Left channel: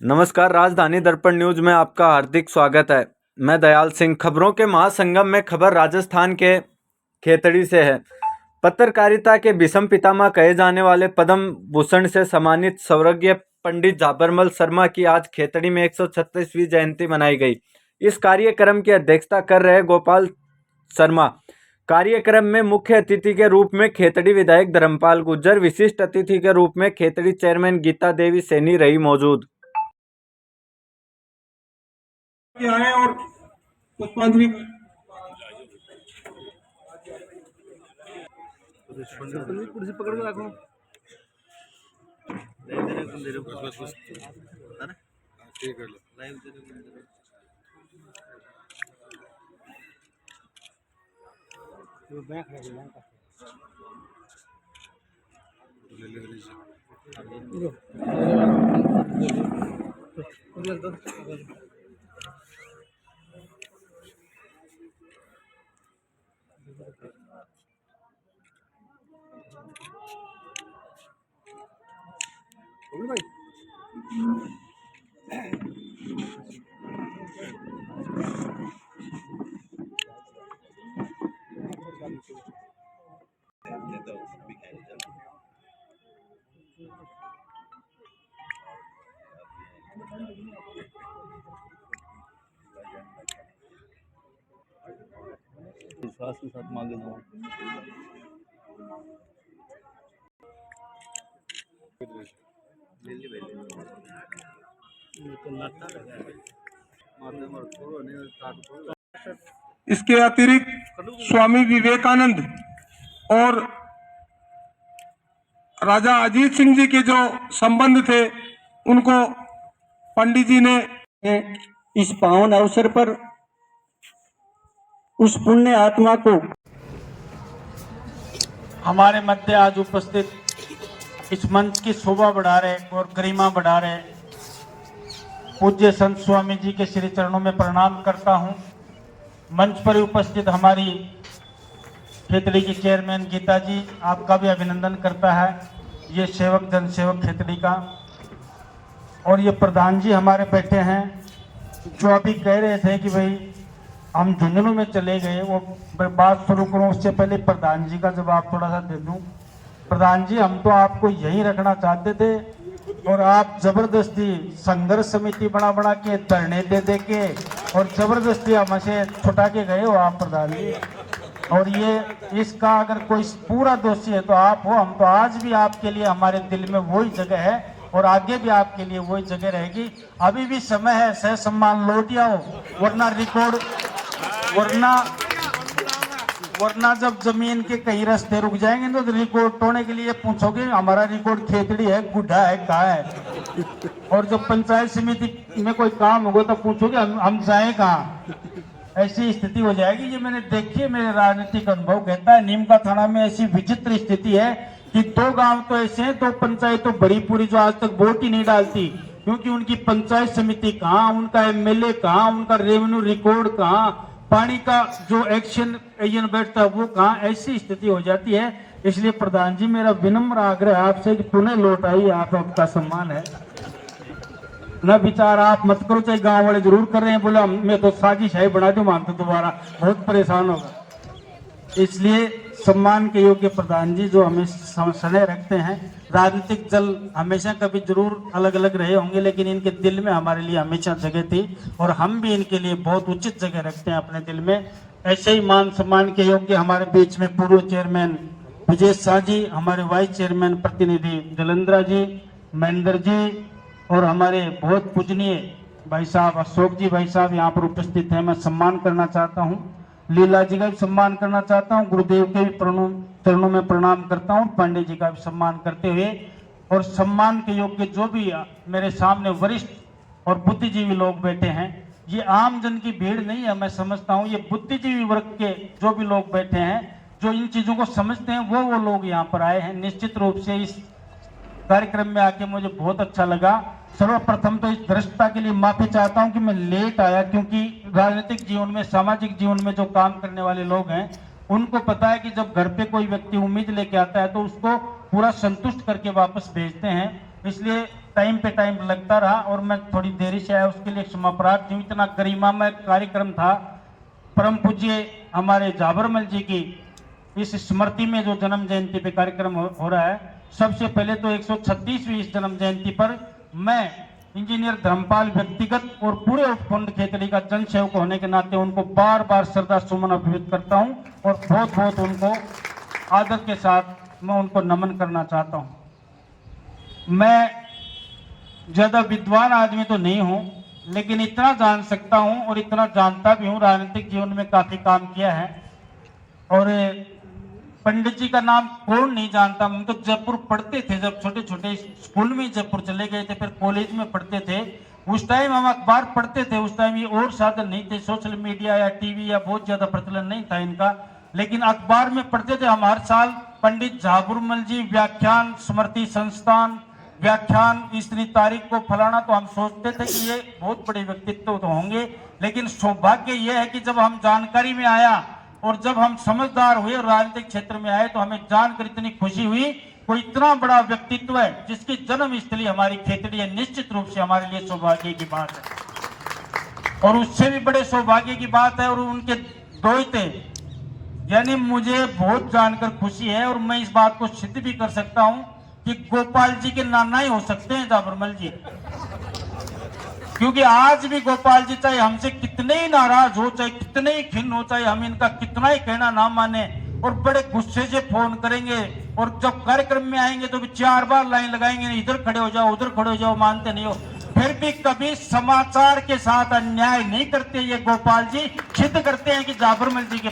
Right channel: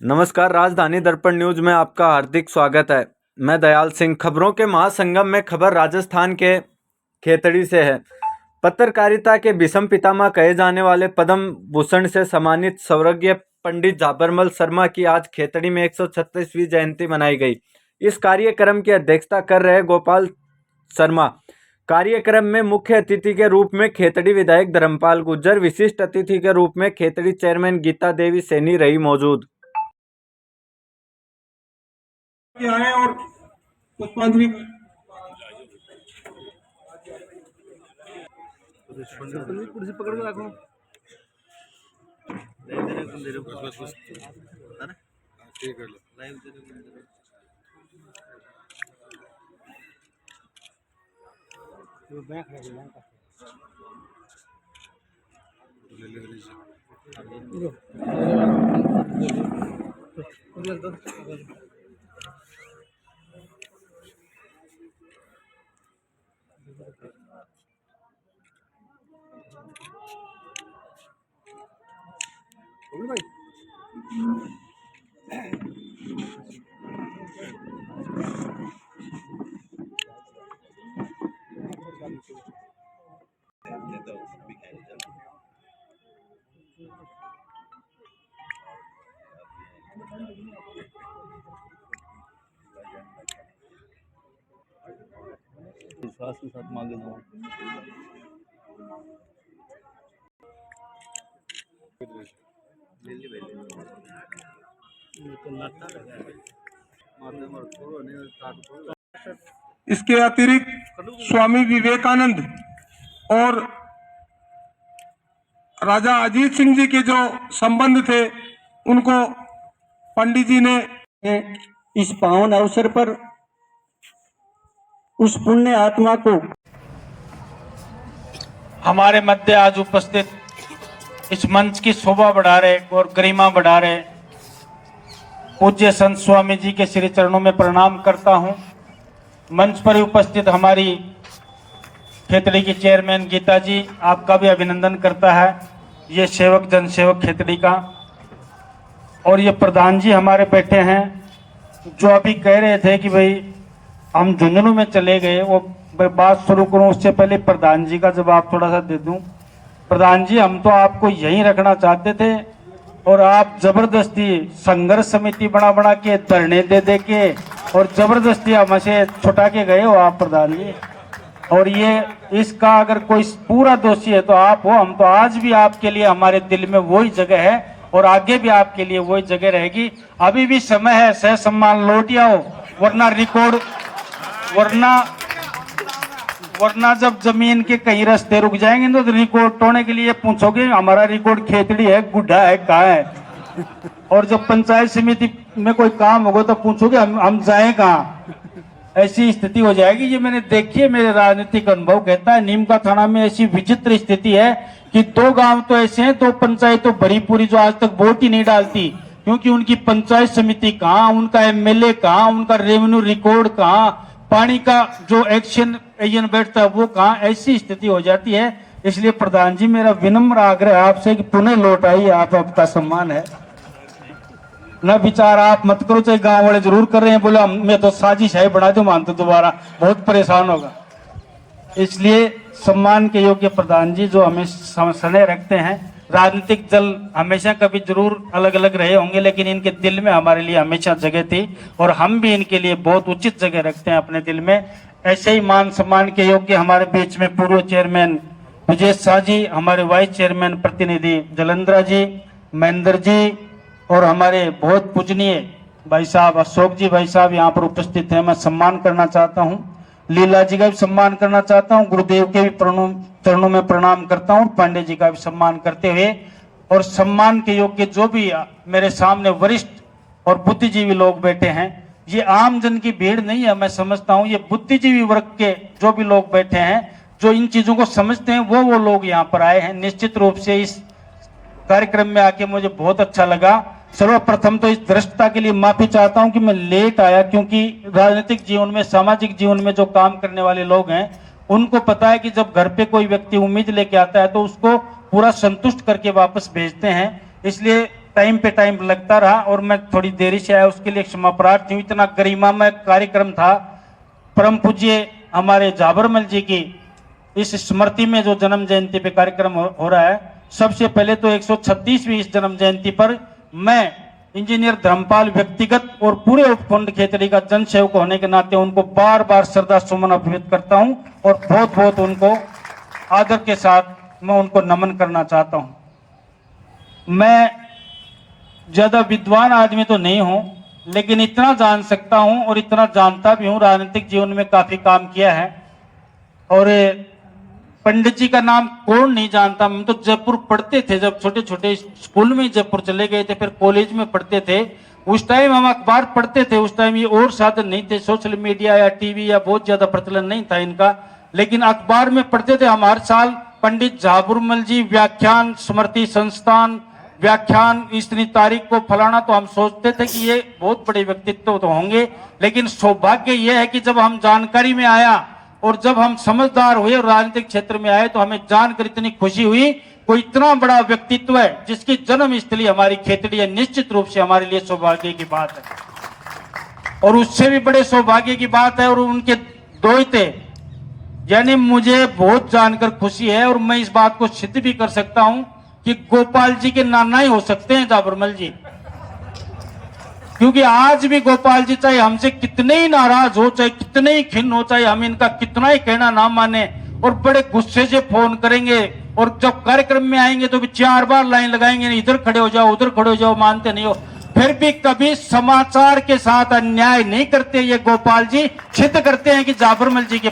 नमस्कार, राजधानी दर्पण न्यूज में आपका हार्दिक स्वागत है। मैं दयाल सिंह। खबरों के महासंगम में खबर राजस्थान के खेतड़ी से है। पत्रकारिता के भीष्म पितामह कहे जाने वाले पद्म भूषण से सम्मानित स्वर्गीय पंडित झाबरमल शर्मा की आज खेतड़ी में 136वीं जयंती मनाई गई। इस कार्यक्रम की अध्यक्षता कर रहे गोपाल शर्मा। कार्यक्रम में मुख्य अतिथि के रूप में खेतड़ी विधायक धर्मपाल गुर्जर, विशिष्ट अतिथि के रूप में खेतड़ी चेयरमैन गीता देवी सैनी रही मौजूद। आए और पुष्पांजलि कुर्सी पकड़ के रखो। विश्वास के साथ मांगे जाओ। इसके अतिरिक्त स्वामी विवेकानंद और राजा अजीत सिंह जी के जो संबंध थे उनको पंडित जी ने इस पावन अवसर पर उस पुण्य आत्मा को हमारे मध्य आज उपस्थित इस मंच की शोभा बढ़ा रहे और गरिमा बढ़ा रहे पूज्य संत स्वामी जी के श्री चरणों में प्रणाम करता हूं। मंच पर उपस्थित हमारी खेतड़ी की चेयरमैन गीता जी, आपका भी अभिनंदन करता है, ये सेवक जनसेवक खेतड़ी का। और ये प्रधान जी हमारे बैठे हैं जो अभी कह रहे थे कि भाई हम झुंझुनू में चले गए। वो बात शुरू करूं उससे पहले प्रधान जी का जवाब थोड़ा सा दे दूं। प्रधान जी, हम तो आपको यहीं रखना चाहते थे और आप जबरदस्ती संघर्ष समिति बना के धरने दे के और जबरदस्ती हमसे छुटा के गए हो आप प्रधान जी। और ये इसका अगर कोई पूरा दोषी है तो आप हो। हम तो आज भी आपके लिए हमारे दिल में वही जगह है और आगे भी आपके लिए वही जगह रहेगी। अभी भी समय है, सह सम्मान लौट आओ, वरना रिकॉर्ड वरना जब जमीन के कई रास्ते रुक जाएंगे तो रिकॉर्ड तोड़ने के लिए पूछोगे हमारा रिकॉर्ड खेतड़ी है, गुड्ढा है, कहाँ है। और जब पंचायत समिति में कोई काम होगा तो पूछोगे हम जाए कहाँ। ऐसी स्थिति हो जाएगी। ये मैंने देखी है, मेरे राजनीतिक अनुभव कहता है। नीम का थाना में ऐसी विचित्र स्थिति है कि 2 गांव तो ऐसे हैं, 2 पंचायत तो भरी पूरी जो आज तक वोट ही नहीं डालती, क्योंकि उनकी पंचायत समिति कहाँ, उनका एमएलए कहाँ, उनका रेवेन्यू रिकॉर्ड कहाँ, पानी का जो एक्शन एजेंट बैठता है वो कहाँ। ऐसी स्थिति हो जाती है। इसलिए प्रधान जी, मेरा विनम्र आग्रह आपसे कि पुनः लौट आइए, आपका सम्मान है। न विचार आप मत करो, चाहे गांव वाले जरूर कर रहे हैं, बोला मैं तो साजिश है बना दो, मानते दोबारा बहुत परेशान होगा। इसलिए सम्मान के योग्य प्रधान जी जो हमें सने रखते हैं। राजनीतिक दल हमेशा कभी जरूर अलग अलग रहे होंगे, लेकिन इनके दिल में हमारे लिए हमेशा जगह थी और हम भी इनके लिए बहुत उचित जगह रखते हैं अपने दिल में। ऐसे ही मान सम्मान के योग्य हमारे बीच में पूर्व चेयरमैन विजय शाह जी, हमारे वाइस चेयरमैन प्रतिनिधि जलंधरा जी, महेंद्र जी और हमारे बहुत पूजनीय भाई साहब अशोक जी भाई साहब यहाँ पर उपस्थित हैं। मैं सम्मान करना चाहता हूँ, लीला जी का भी सम्मान करना चाहता हूँ, गुरुदेव के भी चरणों में प्रणाम करता हूँ, पांडे जी का भी सम्मान करते हुए। और सम्मान के योग्य जो भी मेरे सामने वरिष्ठ और बुद्धिजीवी लोग बैठे हैं, ये आम जन की भीड़ नहीं है। मैं समझता हूँ ये बुद्धिजीवी वर्ग के जो भी लोग बैठे हैं, जो इन चीजों को समझते हैं, वो लोग यहाँ पर आए हैं। निश्चित रूप से इस कार्यक्रम में आके मुझे बहुत अच्छा लगा। सर्वप्रथम तो इस दृष्टता के लिए माफी चाहता हूं कि मैं लेट आया, क्योंकि राजनीतिक जीवन में, सामाजिक जीवन में जो काम करने वाले लोग हैं उनको पता है कि जब घर पे कोई व्यक्ति उम्मीद लेके आता है तो उसको पूरा संतुष्ट करके वापस भेजते हैं। इसलिए टाइम पे टाइम लगता रहा और मैं थोड़ी देरी से आया, उसके लिए क्षमा प्रार्थी हूँ। इतना गरिमामय कार्यक्रम था। परम पूज्य हमारे जाबरमल जी की इस स्मृति में जो जन्म जयंती पे कार्यक्रम हो रहा है, सबसे पहले तो 136वीं इस जन्म जयंती पर मैं इंजीनियर धर्मपाल व्यक्तिगत और पूरे उपखंड खेतड़ी का जन सेवक होने के नाते उनको बार बार श्रद्धा सुमन अर्पित करता हूं और बहुत बहुत उनको आदर के साथ मैं उनको नमन करना चाहता हूं। मैं ज्यादा विद्वान आदमी तो नहीं हूं, लेकिन इतना जान सकता हूं और इतना जानता भी हूं, राजनीतिक जीवन में काफी काम किया है। और पंडित जी का नाम कौन नहीं जानता। हम तो जयपुर पढ़ते थे, जब छोटे छोटे स्कूल में जयपुर चले गए थे, फिर कॉलेज में पढ़ते थे। उस टाइम हम अखबार पढ़ते थे, उस टाइम ये और साधन नहीं थे, सोशल मीडिया या टीवी या बहुत ज्यादा प्रचलन नहीं था इनका, लेकिन अखबार में पढ़ते थे। हम हर साल पंडित जाबरमल जी व्याख्यान स्मृति संस्थान व्याख्यान इतनी तारीख को फलाना, तो हम सोचते थे कि ये बहुत बड़े व्यक्तित्व तो होंगे। लेकिन सौभाग्य यह है कि जब हम जानकारी में आया और जब हम समझदार हुए और राजनीतिक क्षेत्र में आए, तो हमें जानकर इतनी खुशी हुई, कोई इतना बड़ा व्यक्तित्व है जिसकी जन्म स्थली हमारी खेतड़ी है। निश्चित रूप से हमारे लिए सौभाग्य की बात है। और उससे भी बड़े सौभाग्य की बात है और उनके दोहते, यानी मुझे बहुत जानकर खुशी है और मैं इस बात को सिद्ध भी कर सकता हूं कि गोपाल जी के नाना ही हो सकते हैं जाबरमल जी, क्योंकि आज भी गोपाल जी चाहे हमसे कितने ही नाराज हो, चाहे कितने ही खिन्न हो, चाहे हम इनका कितना ही कहना ना माने, और बड़े गुस्से से फोन करेंगे और जब कार्यक्रम में आएंगे तो भी 4 बार लाइन लगाएंगे, इधर खड़े हो जाओ उधर खड़े हो जाओ, मानते नहीं हो। फिर भी कभी समाचार के साथ अन्याय नहीं करते ये गोपाल जी, सिद्ध करते हैं कि जाबरमल जी के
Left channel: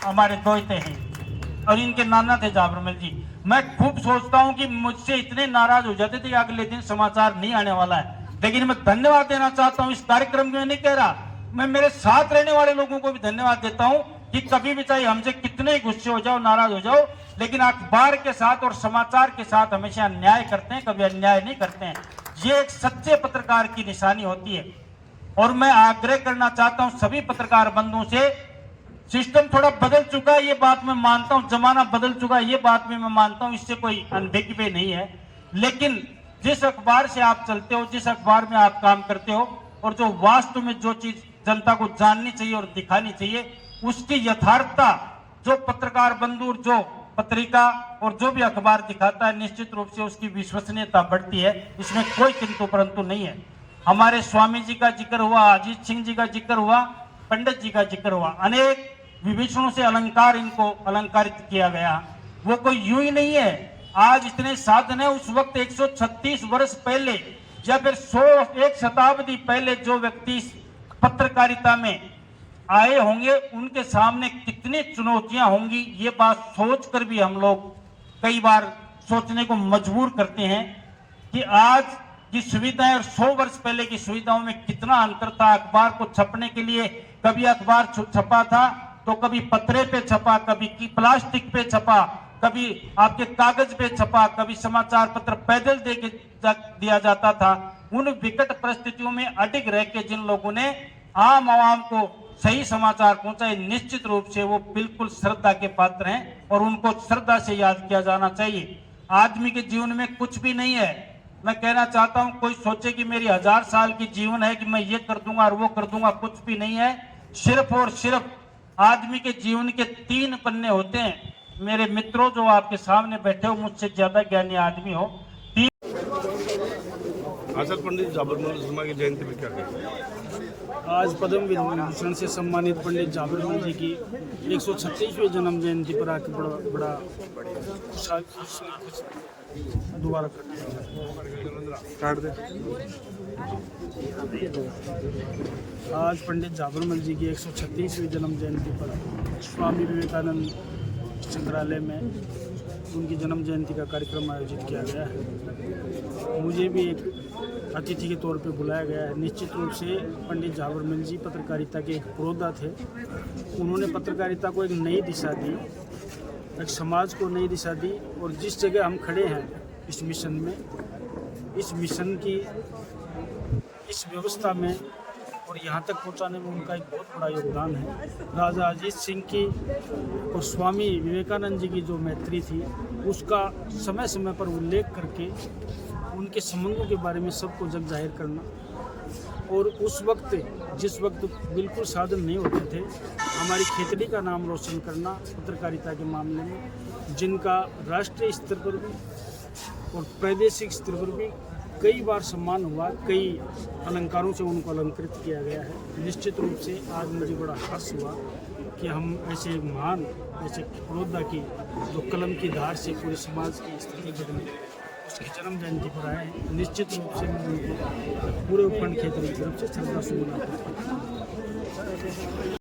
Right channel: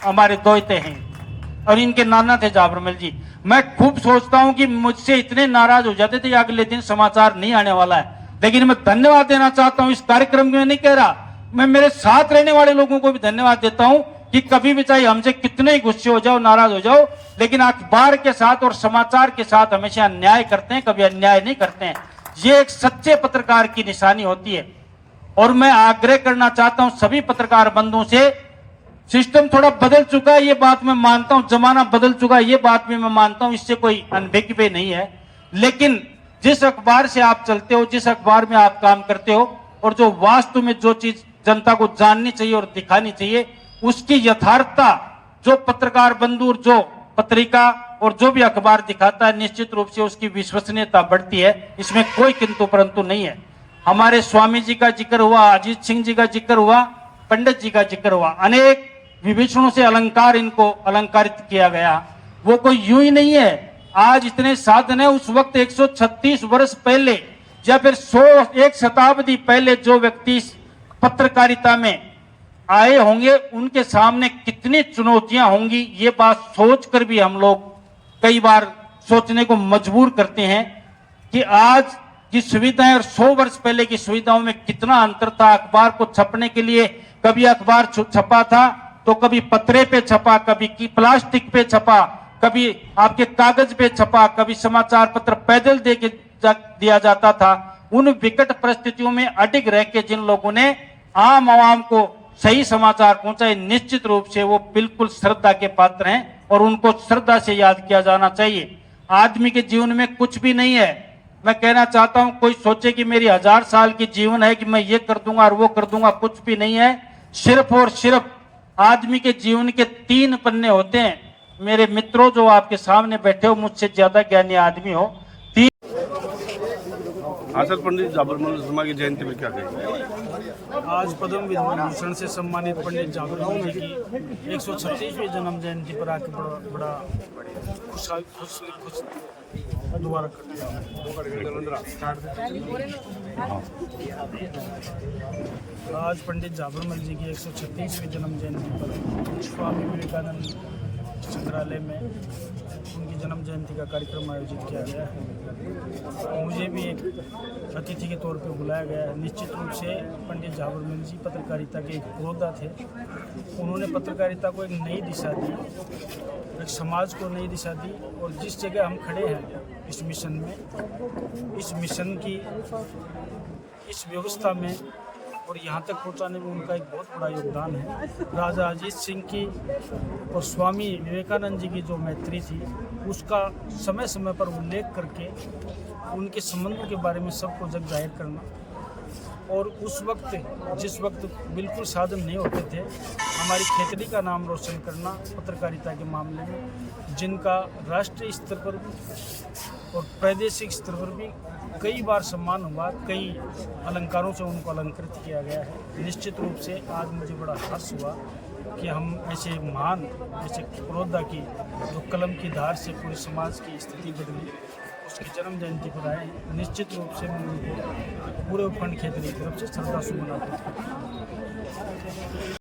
हमारे दोहते हैं और इनके नाना थे जाबरमल जी। मैं खूब सोचता हूं कि मुझसे इतने नाराज हो जाते थे अगले दिन समाचार नहीं आने वाला है, लेकिन मैं धन्यवाद देना चाहता हूं इस कार्यक्रम में। नहीं कह रहा, मैं मेरे साथ रहने वाले लोगों को भी धन्यवाद देता हूं कि कभी भी चाहे हमसे कितने ही गुस्से हो जाओ नाराज हो जाओ, लेकिन अखबार के साथ और समाचार के साथ हमेशा अन्याय करते हैं, कभी अन्याय नहीं करते हैं। ये एक सच्चे पत्रकार की निशानी होती है। और मैं आग्रह करना चाहता हूं सभी पत्रकार बंधुओं से, सिस्टम थोड़ा बदल चुका है, ये बात मैं मानता हूं, जमाना बदल चुका है, ये बात भी मैं मानता हूं, इससे कोई अनभिज्ञ नहीं है। लेकिन जिस अखबार से आप चलते हो, जिस अखबार में आप काम करते हो, और जो वास्तव में जो चीज जनता को जाननी चाहिए और दिखानी चाहिए, उसकी यथार्थता जो पत्रकार बंधु, जो पत्रिका और जो भी अखबार दिखाता है, निश्चित रूप से उसकी विश्वसनीयता बढ़ती है। इसमें कोई किंतु परंतु नहीं है। हमारे स्वामी जी का जिक्र हुआ, अजीत सिंह जी का जिक्र हुआ, पंडित जी का जिक्र हुआ, अनेक विभीषणों से अलंकार इनको अलंकारित किया गया। वो कोई यूं ही नहीं है, आज इतने साधन है। उस वक्त 136 वर्ष पहले या फिर 1 शताब्दी पहले जो व्यक्ति पत्रकारिता में आए होंगे, उनके सामने कितनी चुनौतियां होंगी, ये बात सोचकर भी हम लोग कई बार सोचने को मजबूर करते हैं कि आज की सुविधाएं और 100 वर्ष पहले की सुविधाओं में कितना अंतर था। अखबार को छपने के लिए कभी अखबार छपा था तो कभी पत्रे पे छपा, कभी प्लास्टिक पे छपा, कभी आपके कागज पे छपा, कभी समाचार पत्र पैदल दे के दिया जाता था। उन विकट परिस्थितियों में अडिग रह के जिन लोगों ने आम आवाम को सही समाचार पहुंचाए, निश्चित रूप से वो बिल्कुल श्रद्धा के पात्र हैं और उनको श्रद्धा से याद किया जाना चाहिए। आदमी के जीवन में कुछ भी नहीं है। मैं कहना चाहता हूं, कोई सोचे कि मेरी 1000 साल की जीवन है कि मैं ये कर दूंगा और वो कर दूंगा, कुछ भी नहीं है। सिर्फ और सिर्फ आदमी के जीवन के 3 पन्ने होते हैं। मेरे मित्रों जो आपके सामने बैठे हो, मुझसे ज्यादा ज्ञानी आदमी हो, 3। सर, पंडित जाबरमल शर्मा की जयंती में क्या कहेंगे? आज पद्म विभूषण से सम्मानित पंडित जाबरमल जी की 136वीं जन्म जयंती पर आके बड़ा खुश दोबारा करते हैं। आज पंडित जाबरमल जी की 136वीं जन्म जयंती पर स्वामी विवेकानंद संग्रहालय में उनकी जन्म जयंती का कार्यक्रम आयोजित किया गया है। मुझे भी एक अतिथि के तौर पे बुलाया गया है। निश्चित रूप से पंडित जाबरमल जी पत्रकारिता के एक पुरोधा थे। उन्होंने पत्रकारिता को एक नई दिशा दी, एक समाज को नई दिशा दी, और जिस जगह हम खड़े हैं इस मिशन में, इस मिशन की इस व्यवस्था में और यहाँ तक पहुँचाने में उनका एक बहुत बड़ा योगदान है। राजा अजीत सिंह की और स्वामी विवेकानंद जी की जो मैत्री थी, उसका समय समय पर उल्लेख करके उनके संबंधों के बारे में सबको जग जाहिर करना। और उस वक्त जिस वक्त बिल्कुल साधन नहीं होते थे, हमारी खेतड़ी का नाम रोशन करना पत्रकारिता के मामले में, जिनका राष्ट्रीय स्तर पर भी और प्रादेशिक स्तर पर भी कई बार सम्मान हुआ, कई अलंकारों से उनको अलंकृत किया गया है। निश्चित रूप से आज मुझे बड़ा हर्ष हुआ कि हम ऐसे महान, ऐसे पुरोधा की जो कलम की धार से पूरे समाज की स्थिति बदली, उसकी जन्म जयंती पर आए हैं। निश्चित रूप से मैं उनको पूरे उपखंड खेतड़ी की तरफ से श्रद्धा सुमन अर्पित करता हूं।